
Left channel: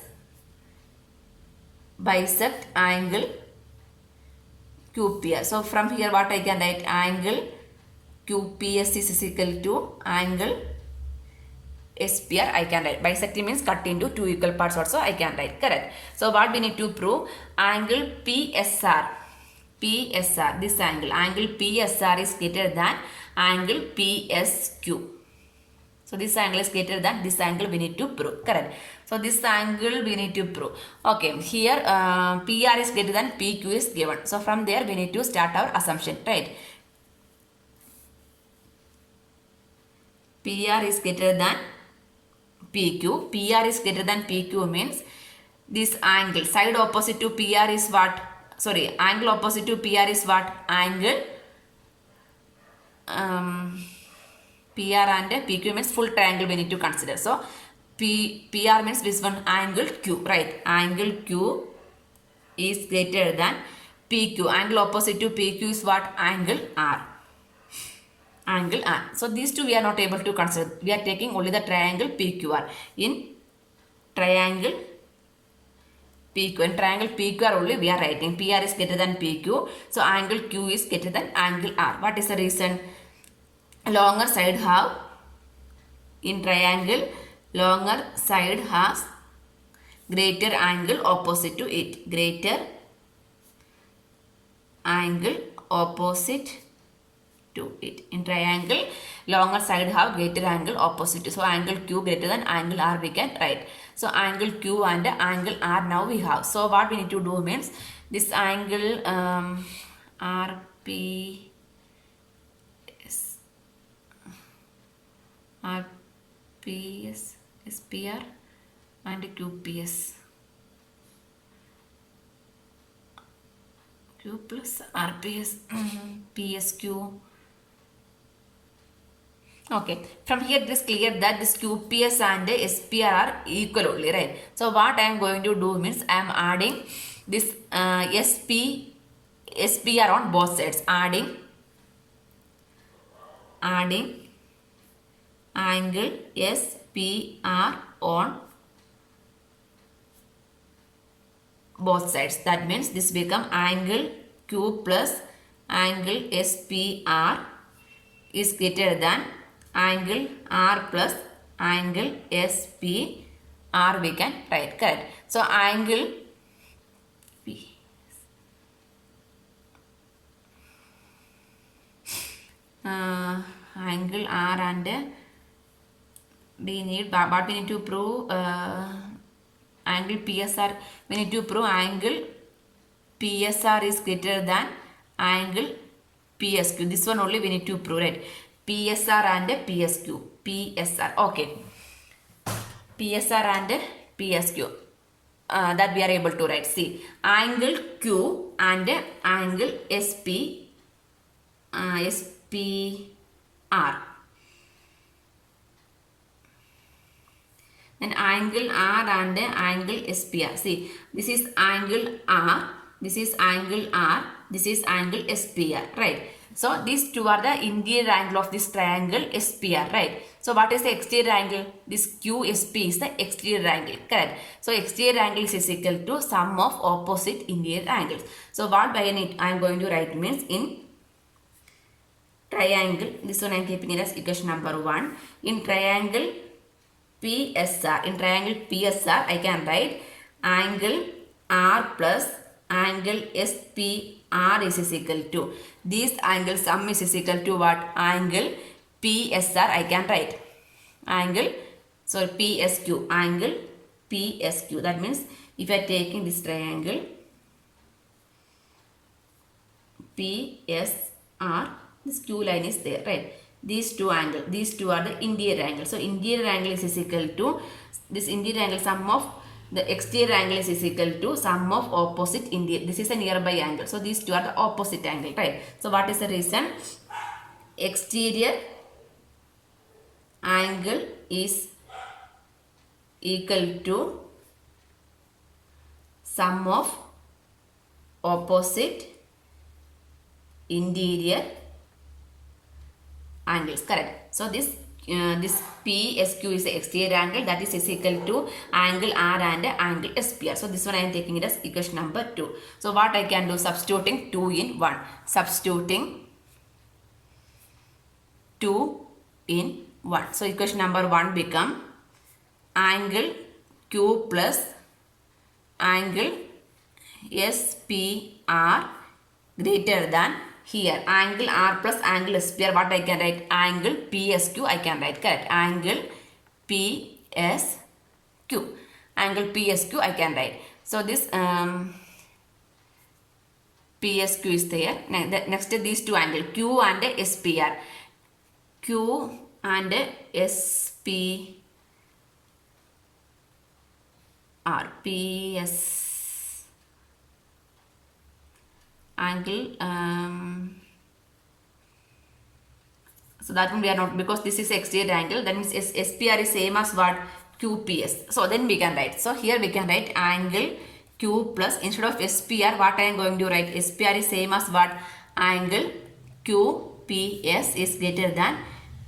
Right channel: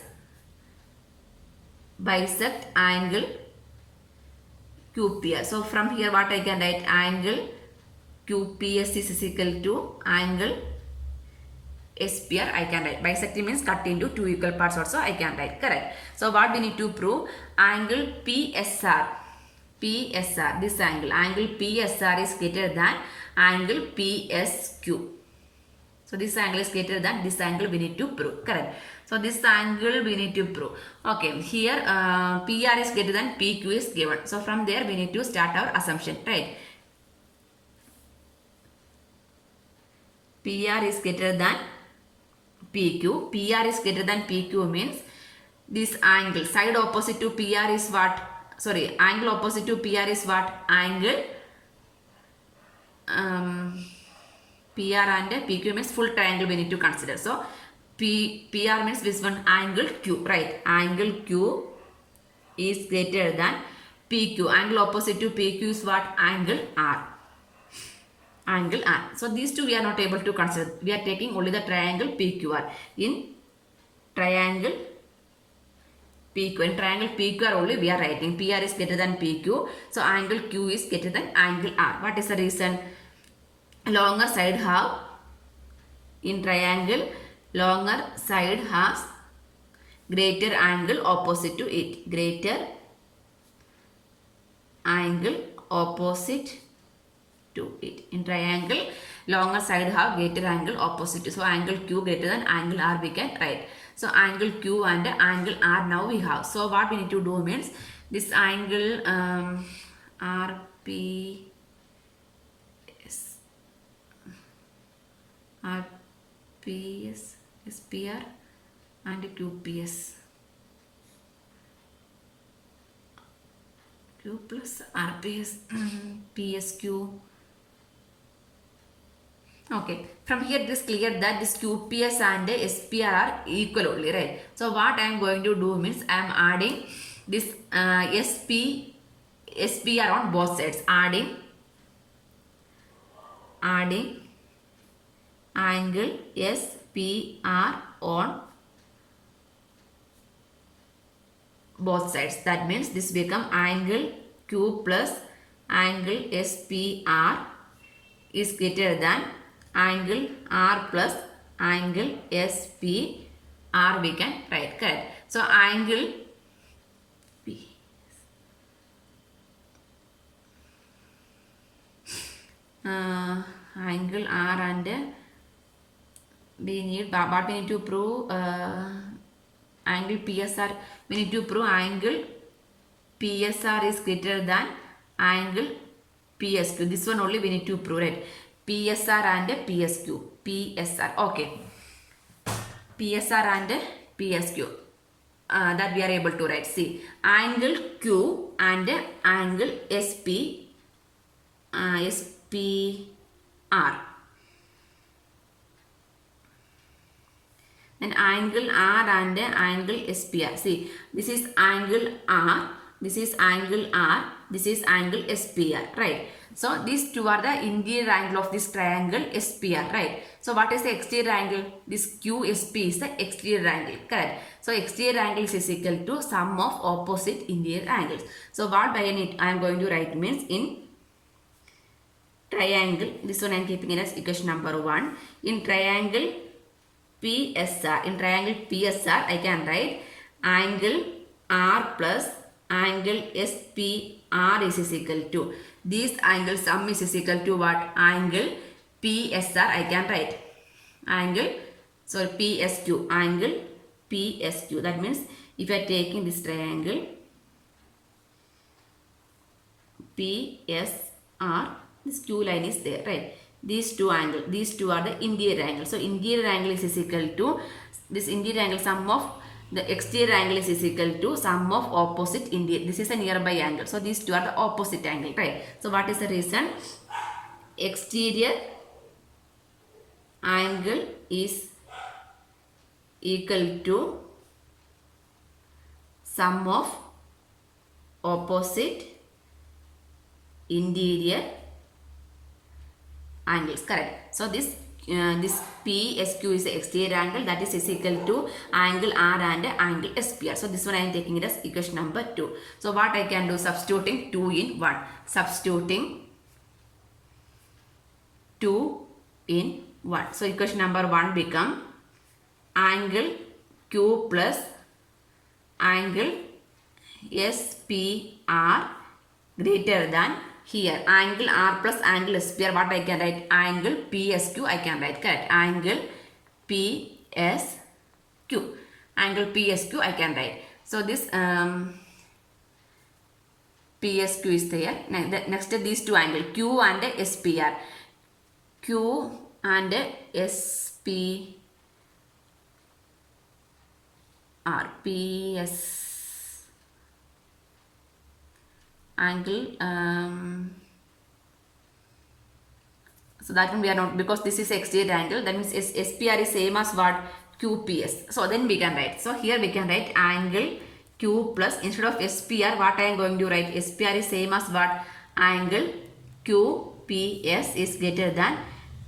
bisect angle QPR. So from here what I can write? Angle QPS is equal to angle SPR I can write. Bisecting means cut into two equal parts also I can write. Correct. So what we need to prove? Angle PSR. PSR, this angle. Angle PSR is greater than angle PSQ. So this angle is greater than this angle we need to prove. Correct. So this angle we need to prove. Okay. Here PR is greater than PQ is given. So from there we need to start our assumption. Right. PR is greater than PQ. PR is greater than PQ means this angle. Side opposite to PR is what? Sorry. Angle opposite to PR is what? Angle PR and PQ means full triangle we need to consider. So PR means this one angle Q, right? Angle Q is greater than PQ. Angle opposite to PQ is what? Angle R. Angle R. So these two we are not able to consider. We are taking only the triangle PQR. In triangle PQ. In triangle PQR only we are writing PR is greater than PQ. So angle Q is greater than angle R. What is the reason? longer side have, in triangle, longer side has greater angle opposite to it. Greater angle opposite to it. In triangle, longer side have greater angle opposite. So angle Q greater than angle R we can write. So angle Q and angle R now we have. So what we need to do means this angle RP RPS SPR and QPS. Q plus RPS PSQ. Okay, from here it is clear that this QPS and SPR are equal only, right? So what I am going to do means I am adding this SPR on both sides. Adding angle SPR on both sides. That means this become angle Q plus angle SPR is greater than angle R plus angle SPR we can write, correct? So angle P angle R and we need what we need to prove angle PSR. We need to prove angle PSR is greater than angle PSQ. This one only we need to prove, right? PSR and PSQ. PSR. Okay. PSR and PSQ. That we are able to write. See, angle Q and angle SPR. Then angle R and angle SPR. See, this is angle R, this is angle R, this is angle SPR, right? So these two are the interior angle of this triangle SPR, right? So what is the exterior angle? This QSP is the exterior angle, correct? So exterior angle is equal to sum of opposite interior angles. So what I am going to write means in triangle, this one I am keeping it as equation number 1. In triangle PSR, in triangle PSR I can write angle R plus angle SPR is equal to, this angle sum is equal to what? Angle PSR I can write. Angle, so PSQ, angle PSQ. That means if I are taking this triangle PSR, this Q line is there, right? These two angles, these two are the interior angles. So interior angle is equal to this interior angle, sum of the exterior angle is equal to sum of opposite interior. This is a nearby angle. So these two are the opposite angle, right? So what is the reason? Exterior angle is equal to sum of opposite interior angles, correct? So this PSQ is the exterior angle, that is equal to angle R and angle SPR. So this one I am taking it as equation number 2. So what I can do? Substituting 2 in 1. Substituting 2 in 1. So equation number 1 become angle Q plus angle SPR greater than, here angle R plus angle SPR, what I can write? Angle PSQ I can write, correct? Angle PSQ. Angle PSQ I can write. So this PSQ is there. Next these two angles Q and SPR. Q and SPR. PS angle, so that one we are not, because this is exterior angle, that means SPR is same as what? QPS. So then we can write, so here we can write angle Q plus, instead of SPR what I am going to write? SPR is same as what? Angle QPS is greater than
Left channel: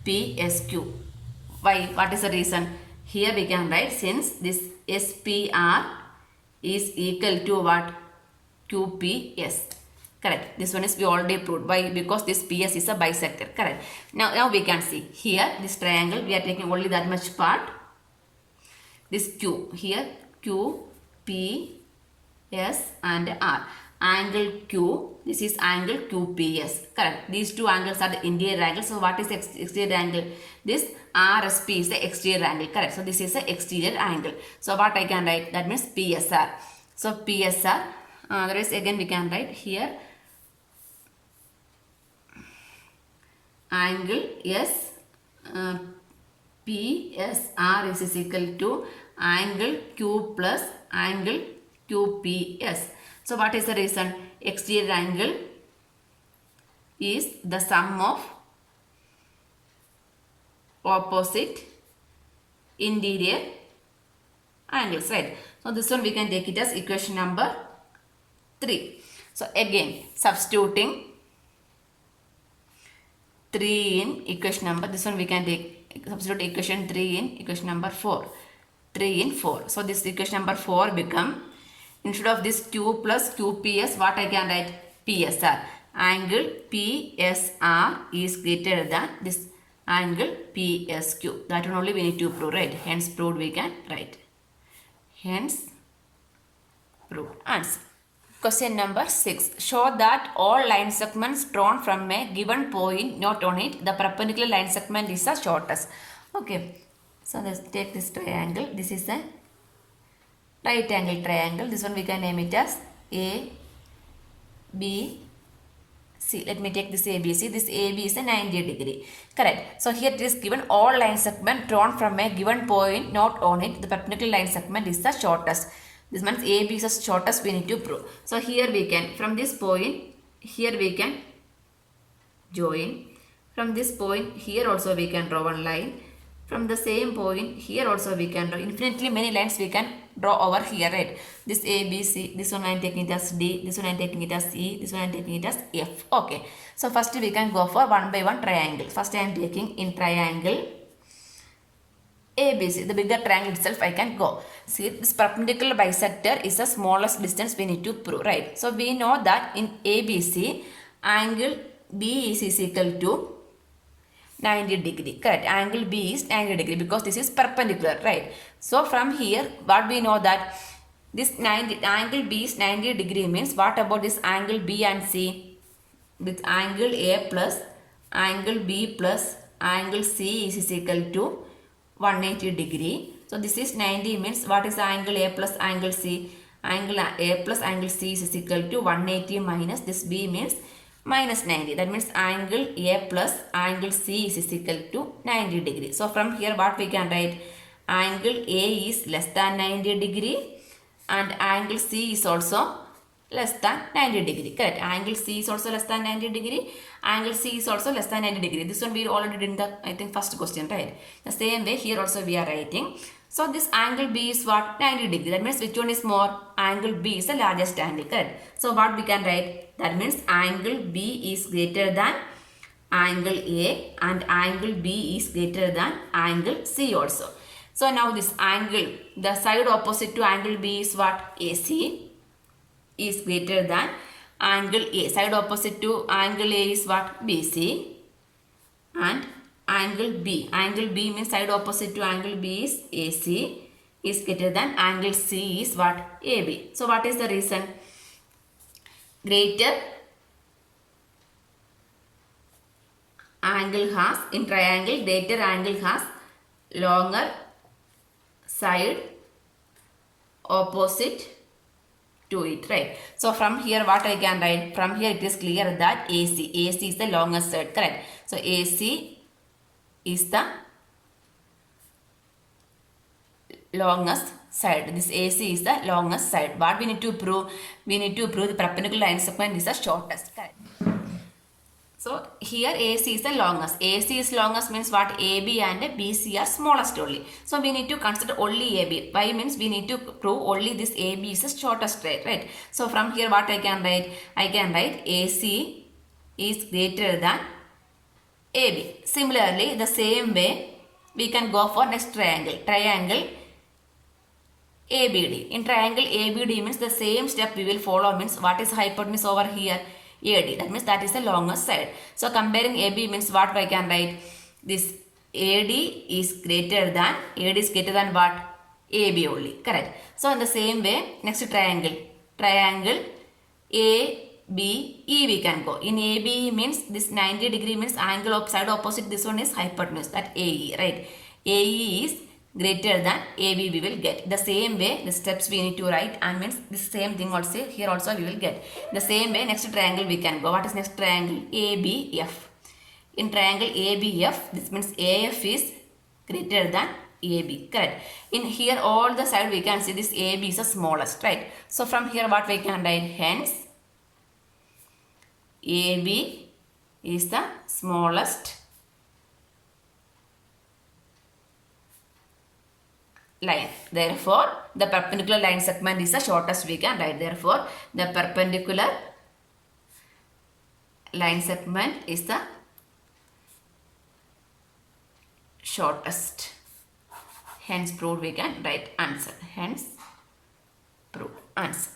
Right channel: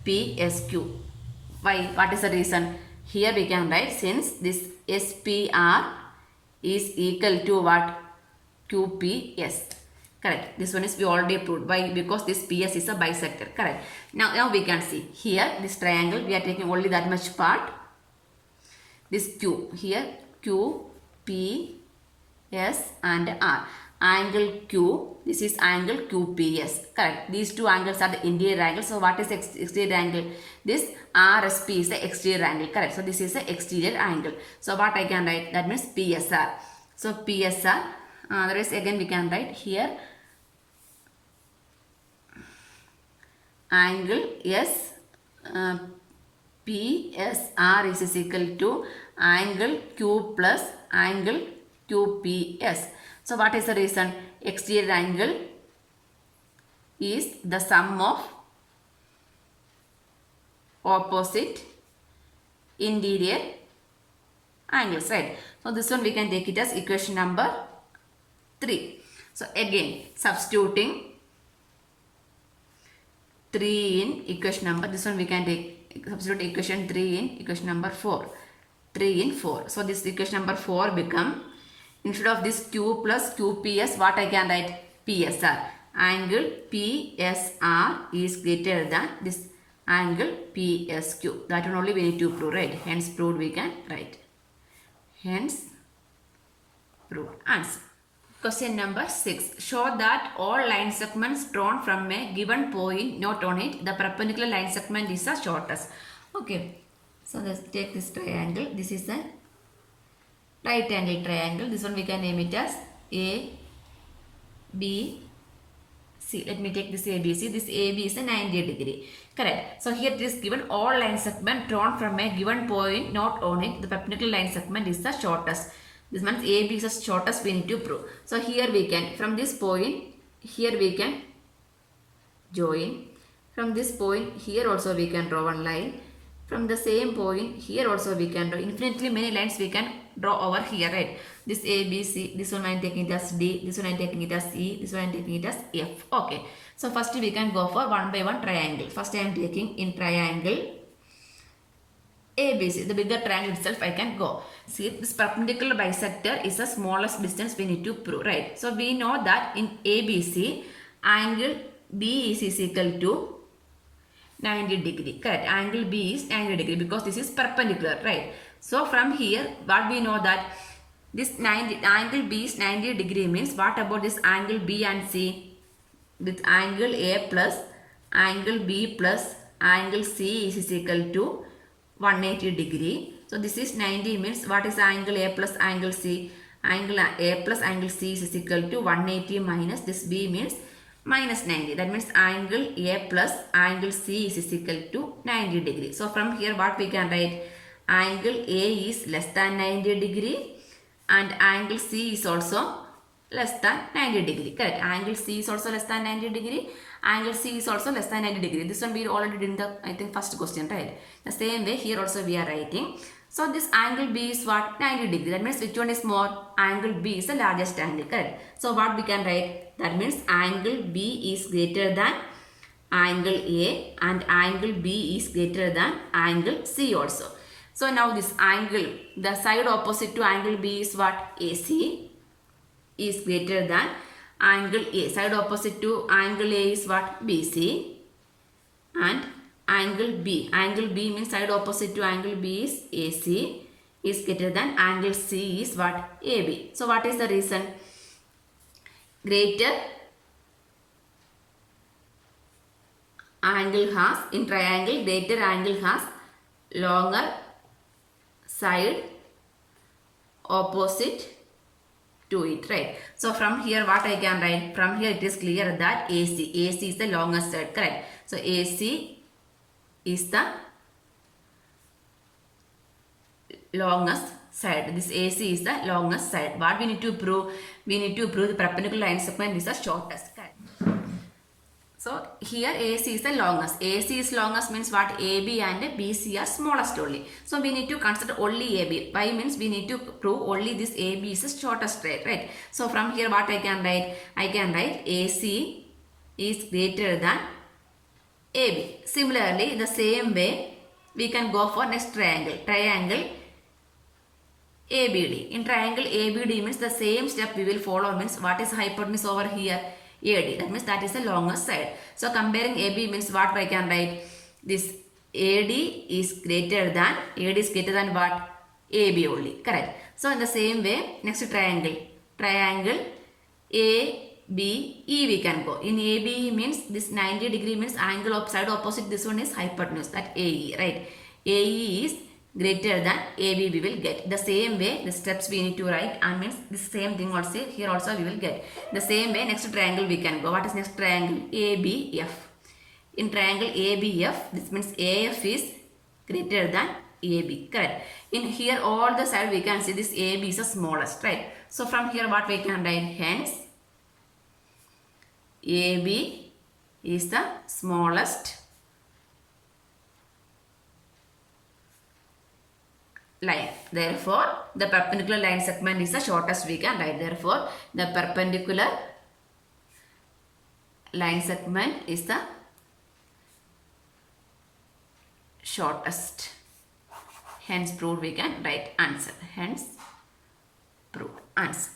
PSQ. Why? What is the reason? Here we can write, since this SPR is equal to what? QPS. Correct. This one is we already proved. Why? Because this PS is a bisector. Correct. Now we can see here this triangle. We are taking only that much part. This Q here Q P S and R. Angle Q. This is angle QPS. Correct. These two angles are the interior angles. So what is exterior angle? This RSP is the exterior angle. Correct. So this is the exterior angle. So what I can write? That means PSR. So PSR. Otherwise again we can write here angle S PSR is equal to angle Q plus angle QPS. So what is the reason? Exterior angle is the sum of opposite interior angles, right? So this one we can take it as equation number 3. So again substituting 3 in equation number, this one we can take substitute equation 3 in equation number 4. 3 in 4. So this equation number 4 become, instead of this Q plus QPS, what I can write? PSR. Angle PSR is greater than this angle PSQ. That one only we need to prove, right? Hence proved we can write. Hence proved. Answer. Question number 6. Show that all line segments drawn from a given point not on it, the perpendicular line segment is the shortest. Okay. So let's take this triangle. This is a right angle triangle. This one we can name it as A, B, C. Let me take this ABC. This AB is a 90 degree. Correct. So here it is given all line segment drawn from a given point not on it, the perpendicular line segment is the shortest. This means AB is the shortest we need to prove. So here we can, from this point, here we can join. From this point, here also we can draw one line. From the same point, here also we can draw infinitely many lines we can draw over here, right? This A, B, C, this one I am taking it as D, this one I am taking it as E, this one I am taking it as F. Okay. So first we can go for one by one triangle. First I am taking in triangle ABC, the bigger triangle itself I can go. See, this perpendicular bisector is the smallest distance we need to prove, right? So we know that in ABC, angle B is equal to 90 degree. Correct. Angle B is 90 degree because this is perpendicular, right? So from here, what we know that this angle B is 90 degree means what about this angle B and C? With angle A plus angle B plus angle C is equal to 180 degree. So this is 90 means what is angle A plus angle C? Angle A plus angle C is equal to 180 minus this B means minus 90. That means angle A plus angle C is equal to 90 degree. So from here what we can write? Angle A is less than 90 degree and angle C is also less than 90 degree. Correct. Angle C is also less than 90 degree. Angle C is also less than 90 degree. This one we already did in the, I think, first question, right? The same way here also we are writing. So this angle B is what? 90 degree. That means which one is more? Angle B is the largest angle. Correct. So what we can write? That means angle B is greater than angle A and angle B is greater than angle C also. So now this angle, the side opposite to angle B is what? AC is greater than angle A. Side opposite to angle A is what? BC. And angle B. Angle B means side opposite to angle B is AC is greater than angle C is what? AB. So what is the reason? Greater angle has, in triangle, greater angle has longer side opposite to it, right? So from here what I can write? From here it is clear that AC is the longest side, correct? So AC is the longest side. This AC is the longest side. What we need to prove? We need to prove the perpendicular line segment is the shortest, correct? So here AC is the longest. AC is longest means what? AB and BC are smallest only. So we need to consider only AB. Why means we need to prove only this AB is the shortest, right? So from here what I can write? I can write AC is greater than AB. Similarly, the same way we can go for next triangle. Triangle ABD. In triangle ABD means the same step we will follow means what is hypotenuse over here? AD. That means that is the longest side. So comparing AB means what I can write? This AD is greater than what? AB only. Correct. So in the same way, next triangle. Triangle ABE we can go. In ABE means this 90 degree means angle of side opposite. This one is hypotenuse. That AE, right? AE is greater than AB we will get. The same way the steps we need to write, and means the same thing also here also we will get. The same way next triangle we can go. What is next triangle? ABF. In triangle ABF, this means AF is greater than AB. Correct. In here all the side we can see this AB is the smallest, right? So from here what we can write? Hence AB is the smallest line. Therefore, the perpendicular line segment is the shortest we can write. Therefore, the perpendicular line segment is the shortest. Hence, proved we can write answer. Hence, prove answer.